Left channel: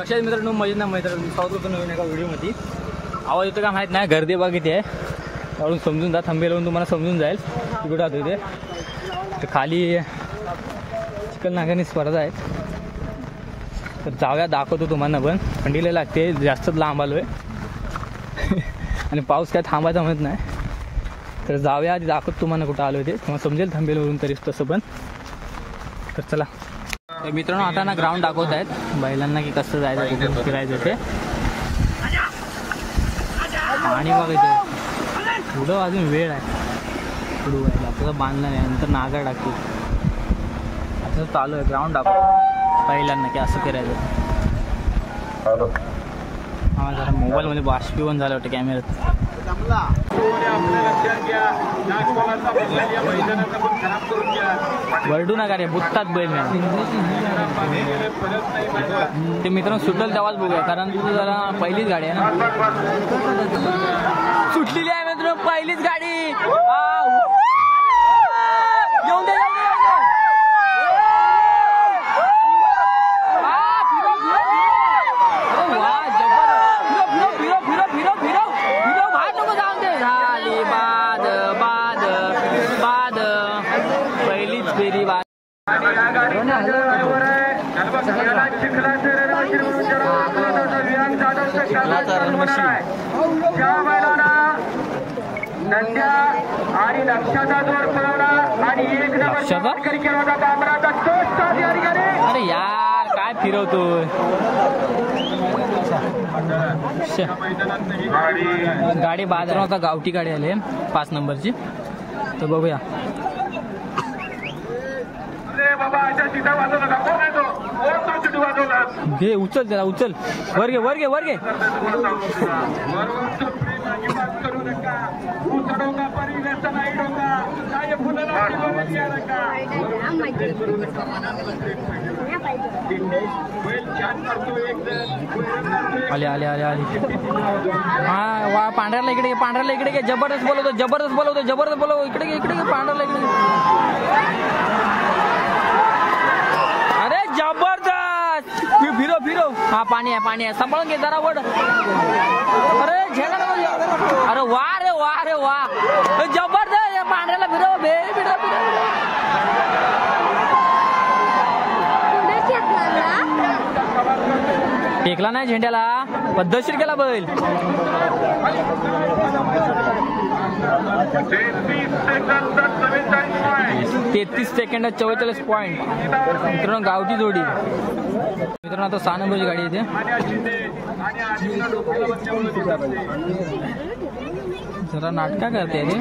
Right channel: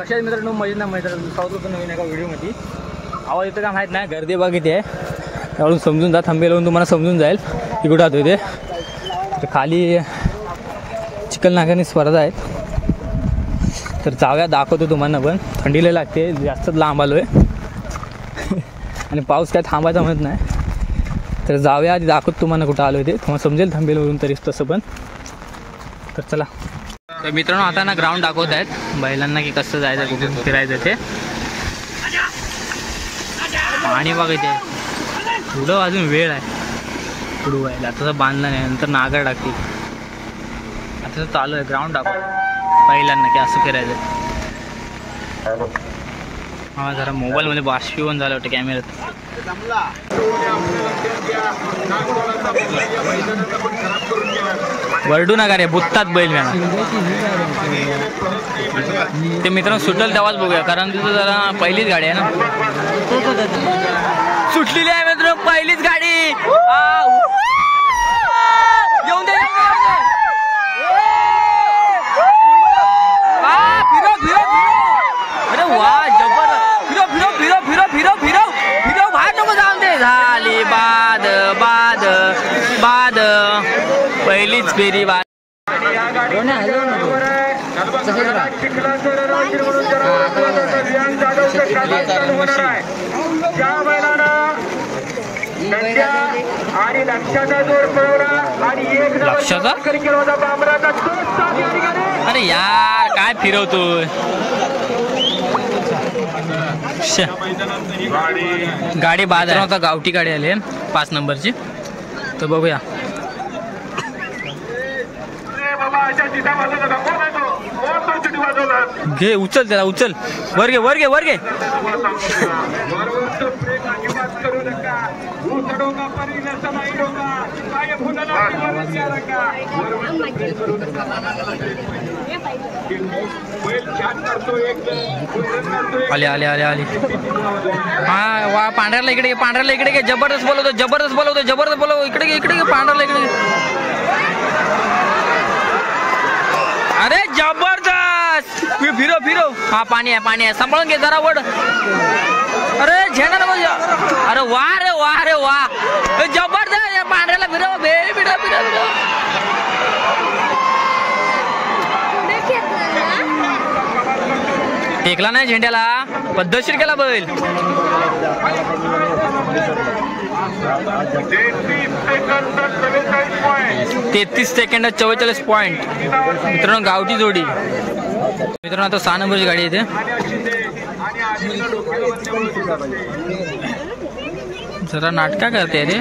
कशा आहेत मित्रांनो? मजेत ना मित्रांनो, स्वागत होतं नवीन एका व्हिडिओमध्ये. आवाज येतो का माहीत नाही, गर्दी बघ किती आहे त्यावरून समजून जा. थांबेल लावून तुम्हाला समजून जाईल की कुठं आहोत ते. तर खाली चिखल नागाने स्पर्धा आहेत, तर जाऊया दाखवतो तुम्हाला. पण थंडीला लागते, जास्तच लांब आलो आहे आणि पाऊस काय थांबायचा म्हणत नाही. तर जाऊया आधी दाखवतो तुम्हाला कुठं आलो ते, तुम्हाला समजेल थांबेलवरून तरी तसं पण. तर चला. तर मित्रांनो आता ना ग्राउंड दाखवत आहेत बैलांना की कसं जायचं, कुठून फिरायचं ते. पाणी बघ इथे, पुढं अजून वेळ आहे पुढं व्हायला. आता तर बांधलं नाही, नंतर नागर टाकतील. आता तर चालू आहे ग्राउंड दाखव बैलांना की असं फिरायचं. हा जरा मोबाईलमध्ये बाष्पीभवन झालं वाटतं कॅमेऱ्यात. वरडू नका रे, बुत्तात बैल मॅना ते. मित्रांनो सुटल तेव्हाच बघूया, कारण तिथं जरा पहिलीच गाडी आहे ना, सुटलेली आहे मित्रांनो पहिलीच गाडी. येऊन दे फिरो फिरो फिरो. अरे वा जबर. फिरो फिरो फिरो फिरो फिरो फिरो फिरो. बाहेर नको जाऊन दे. झाली बाद बाद बाद. पहिलीच फेरी बाद. लक्षाचा. अरे यार काय फिरवतोय. गाडी बाजारात होता, गावठी गाडी आली 5 नंबरची. तर बघूया. घे उचल त्याला, उचल. वर घे वर घे वर घे. आले आले आले आले. हा वा पांढऱ्याला इकडे घे, पांढऱ्याला इकडे घे. जबरदस्त बोलवतो, जबरदस्त बोलवतो, जबरदस्त बोलव. इकडे घे इकडे घे पांढऱ्याला इकडे घे. अरे जबरदस्त. फिरो फिरो. हा पाणी आहे पाणी आहे, सांभाळून घे जरा वड. अरे झेंडा नको. अरे वा रे वा रे वा. जबरदस्त. या पांढऱ्याला फिरव बे. फिरव फिरव फिरव. टेकला नाही झेंड्याला, पद्धतशीर केला बैल. 33 सेकंड 44 पॉईंट. मित्रांनो गावठी जोडी. मित्रांनो आता 6 नंबरची गाडी येते. जरा नाटका करते रे.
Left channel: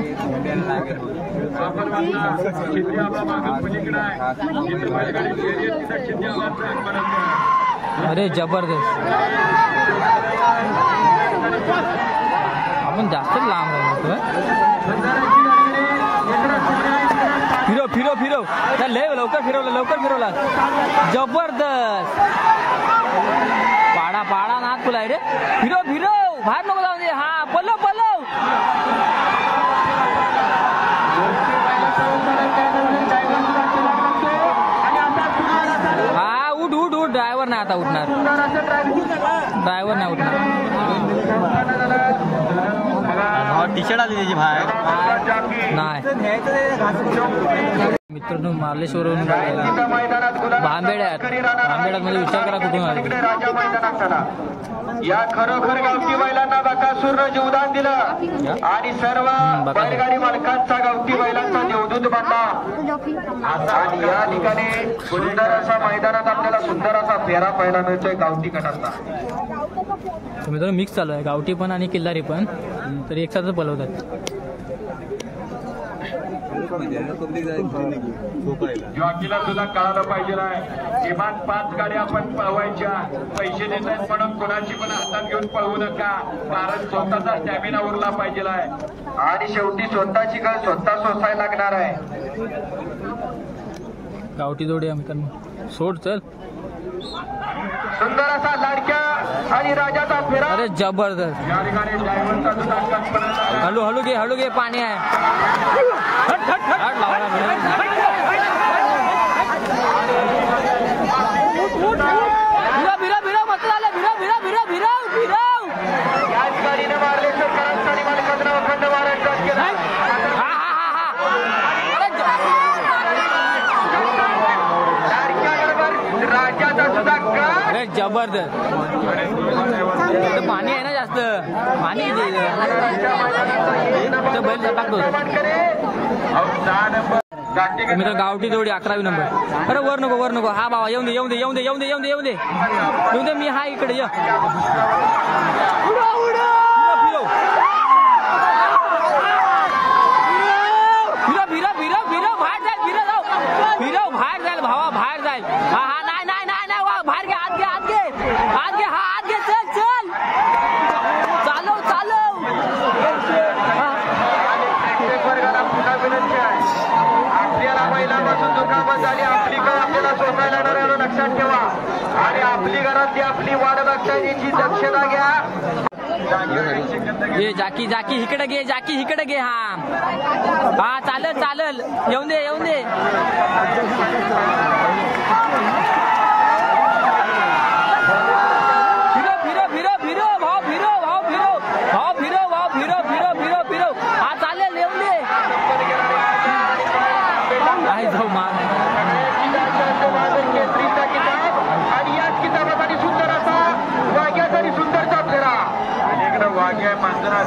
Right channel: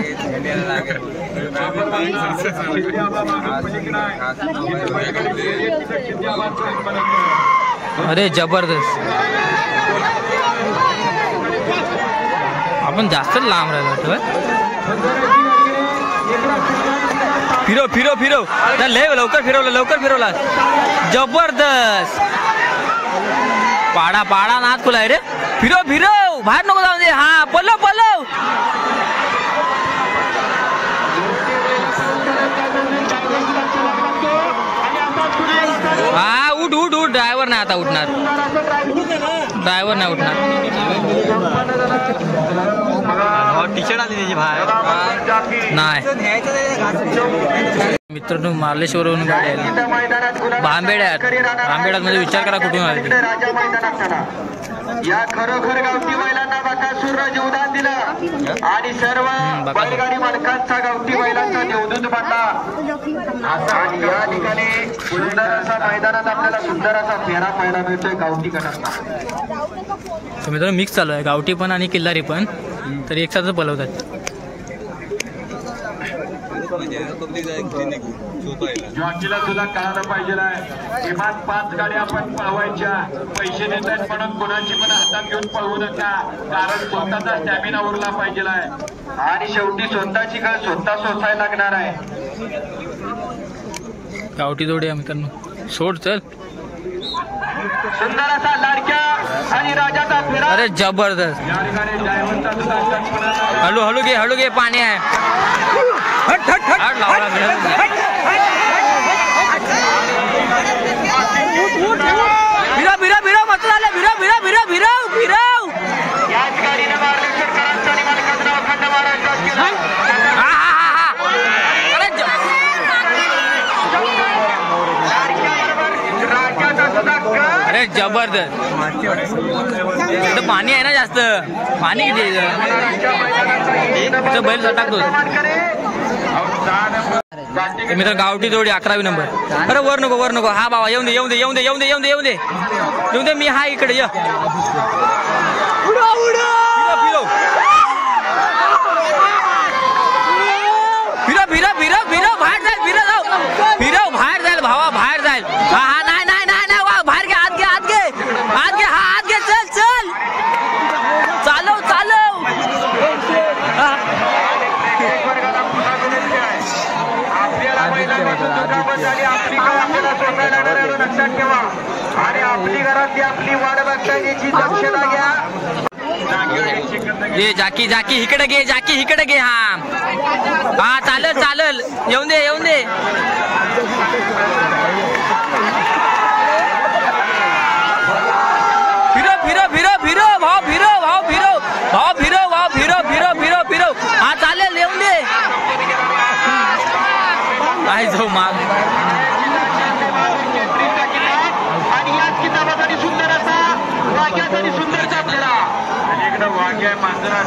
अरे जबरदस्त. आपण जास्त लांब राहिलो. फिरो फिरो फिरो. लय लवकर फिरवलं, लवकर फिरवला. जबरदस्त. पाडा पाडा नाद खुला रे. फिरो फिरो. बाहेर नको जाऊ दे. हा पलव पलव. हा उठ उठ उठ. ड्रायव्हर नाही आता उठणार, ड्रायव्हर नाही उठणार. टी शर्ट आली त्याची बाहेर नाही. मित्रांनो मार्लेश्वरवरून गाडी आली भांबेड्यात. भांबेड्यात म्हणजे विचार करा कुठून आली. या खरोखर गावठी बैलांना बकासूरनं जीवदान दिलं आणि सर्व बैलगाडी मालकांचा गावठी बैलांचा देवदूत बनला. आणि या ठिकाणी सुंदर असा मैदानात आपल्याला सुंदर असा फेरा पाहायला मिळतोय गावठी गटाचा. तर मित्रांनो मिक्स चालू आहे, गावठी पण आणि किल्लारी पण. तर एकसाथच पलवतात. जॉकीला सुद्धा कळायला पाहिजे आहे, किमान 5 गाड्या आपण पळवायच्या. पैसे देत आहेत म्हणून कोणाची पण हातात घेऊन पळवू नका, कारण स्वतःचा स्टॅमिना उरला पाहिजे आहे. आणि शेवटी स्वतःची कळ स्वतः सोसायला लागणार आहे. गावठी जोडी आहे मित्रांनो. सोड चल. सुंदर असा लाडक्या आणि राजाचा फेरा. अरे जबरदस्त. या ठिकाणी ड्रायव्हरचा सुद्धा हळू घे पाणी आहे. लावला बिरा बिरा बिरा मत झाले. जबरदस्त. इथं पाणी आहे ना जास्त, पाणी किती आहे इथं? बैल टाकतो मित्र. गावठी जोडी 11वी नंबर. अरे वर नको. हा बाबा येऊन दे. मी हा इकडे ये. फिरव बाहेर जाईल भावा, बाहेर जाईल. हा नाही बाहेर घे, आत घे. हा आत घे. चल चालव. आणि आपली घरातली आपली वाढ बघण्याची दक्षता घ्या. ये जाकी इकडे घे. हा चालल. येऊन दे. फिरव. हा चालेल, येऊन दे. आहे जाऊ माग. आणि याच किताबासाठी सुंदर असा वाघ्यासाठी सुंदर चाललेला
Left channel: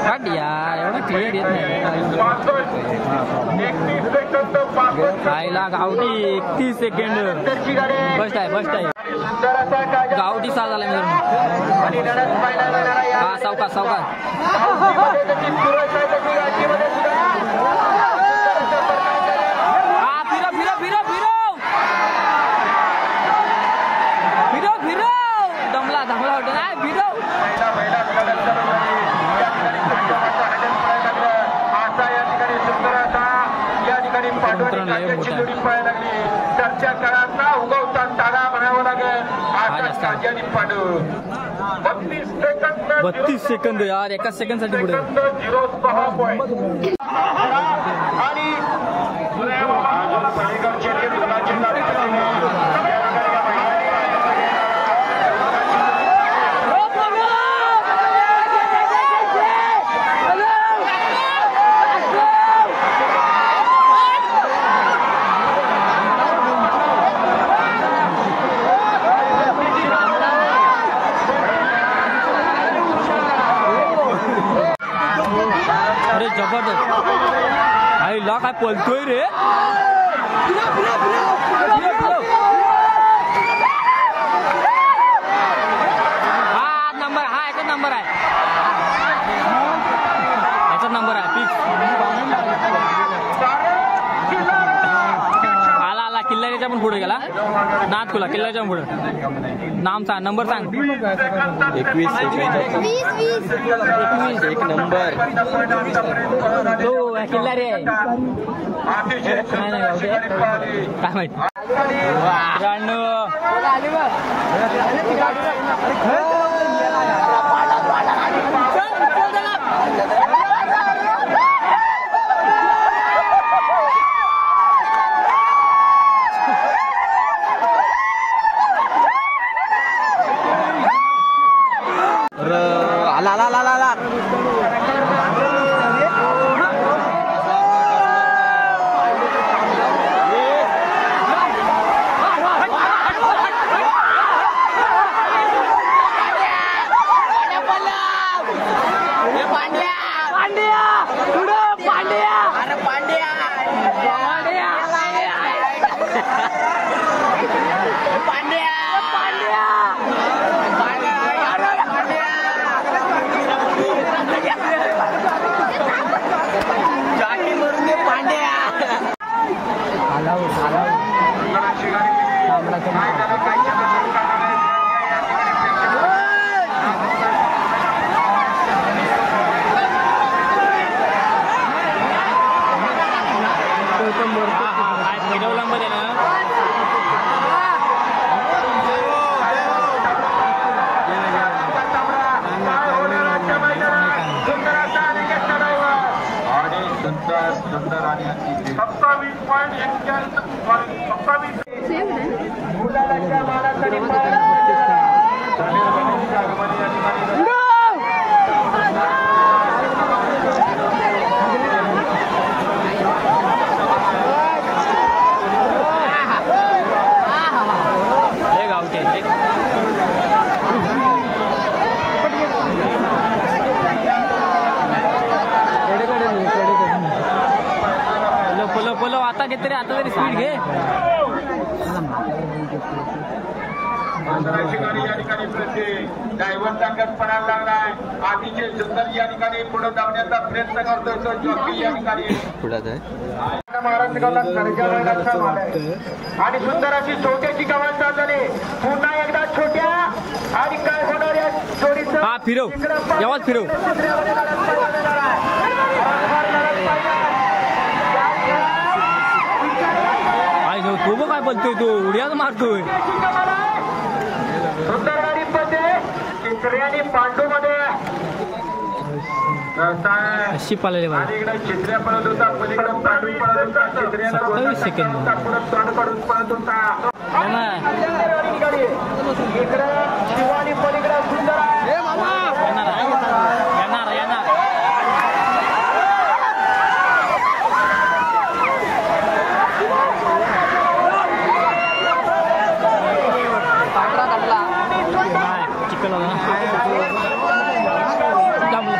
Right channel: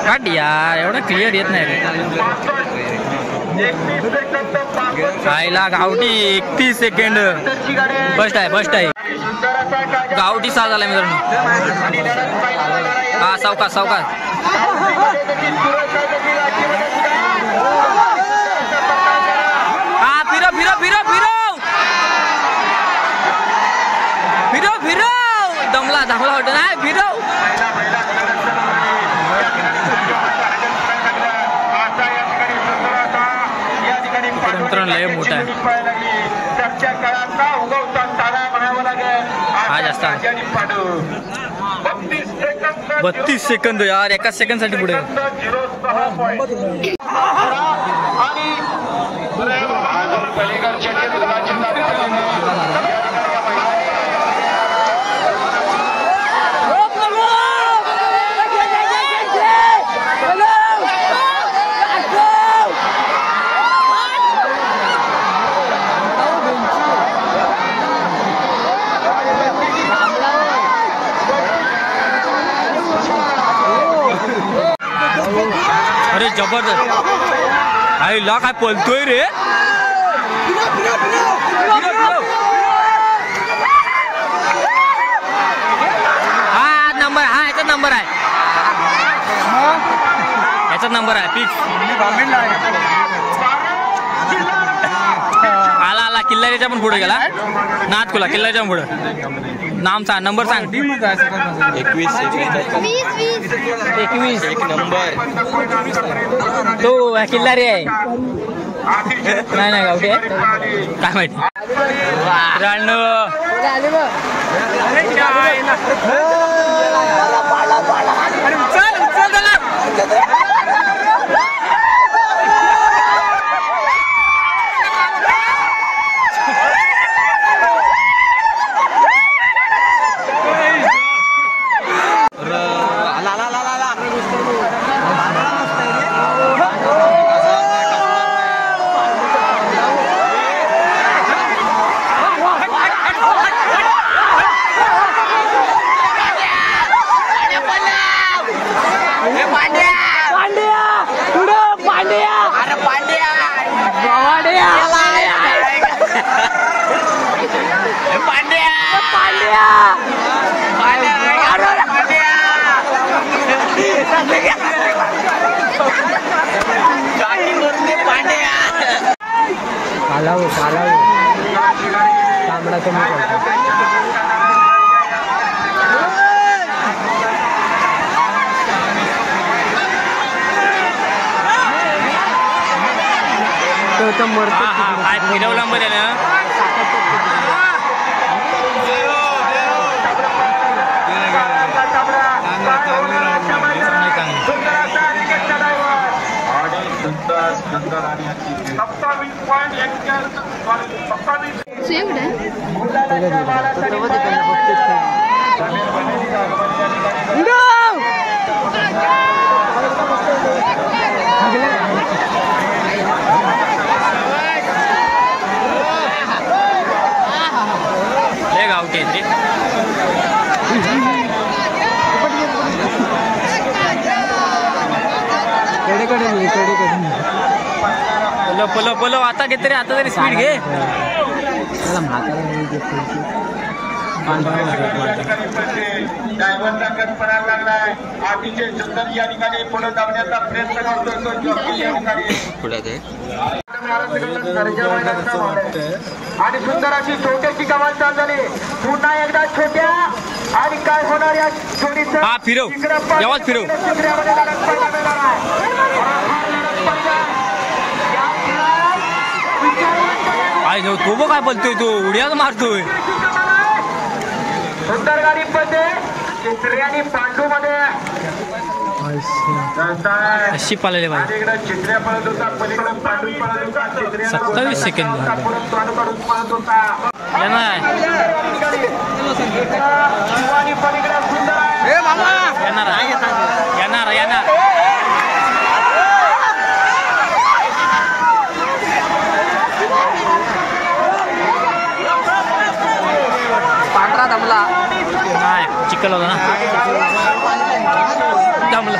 काट यार, एवढं क्लिअर येत नाही. आईला गावठी 31 सेकंड. फर्स्ट आहे. गावठी 6 झाला मित्रांनो. हा सावकाश. हा फिरव. दमला वाटत नाही. फिरव. मित्रांनो लय मोठा आहे हा. जास्त 32 सेकंद यार. एका सेकंड साठी पुढे. अरे जबरदस्त. आईला काय पलतोय रे. हा नंबर. हा याचा नंबर आहे फिक्स. आला किल्लारीच्या पण पुढे गेला. नाथकुला किल्ल्याच्या पुढे. नाम सांग, नंबर सांग. 21 एक नंबर. तो किल्लारी आहे. नाही गावठी आहे काय माहिती. 27 पलव आता घे तरी आता तरी स्पीड घे. डायव्हरचा कल्पना लागलाय. अतिशय सुंदर या ठिकाणी पुढे धावण्याचा प्रयत्न करतोय पुढे आहे आणि सुंदर अशी छोट्याची गव्हाण झाली. पुन्हा एकदा छोट्या आणि काय होणार या जोडीचं. हा फिरव यावाच फिरव. काय तो बघ काय बोलतोय तो उड्याच मारतोय. सुंदर गाडी पडते चित्रे आणि पांडू मध्ये अशी पाळले पाहिजे. इकडे चित्र्या पळत होता पलीकडे पांडू पळत होता. 27 सेकंद पळत होता येणार शिवानी पलीकडे सुंदर येणार येणार येणार. नाही चिकल होता ना दमला.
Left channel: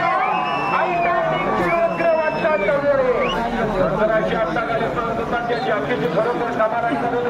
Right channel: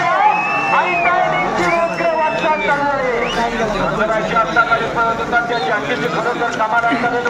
समाधान करेल.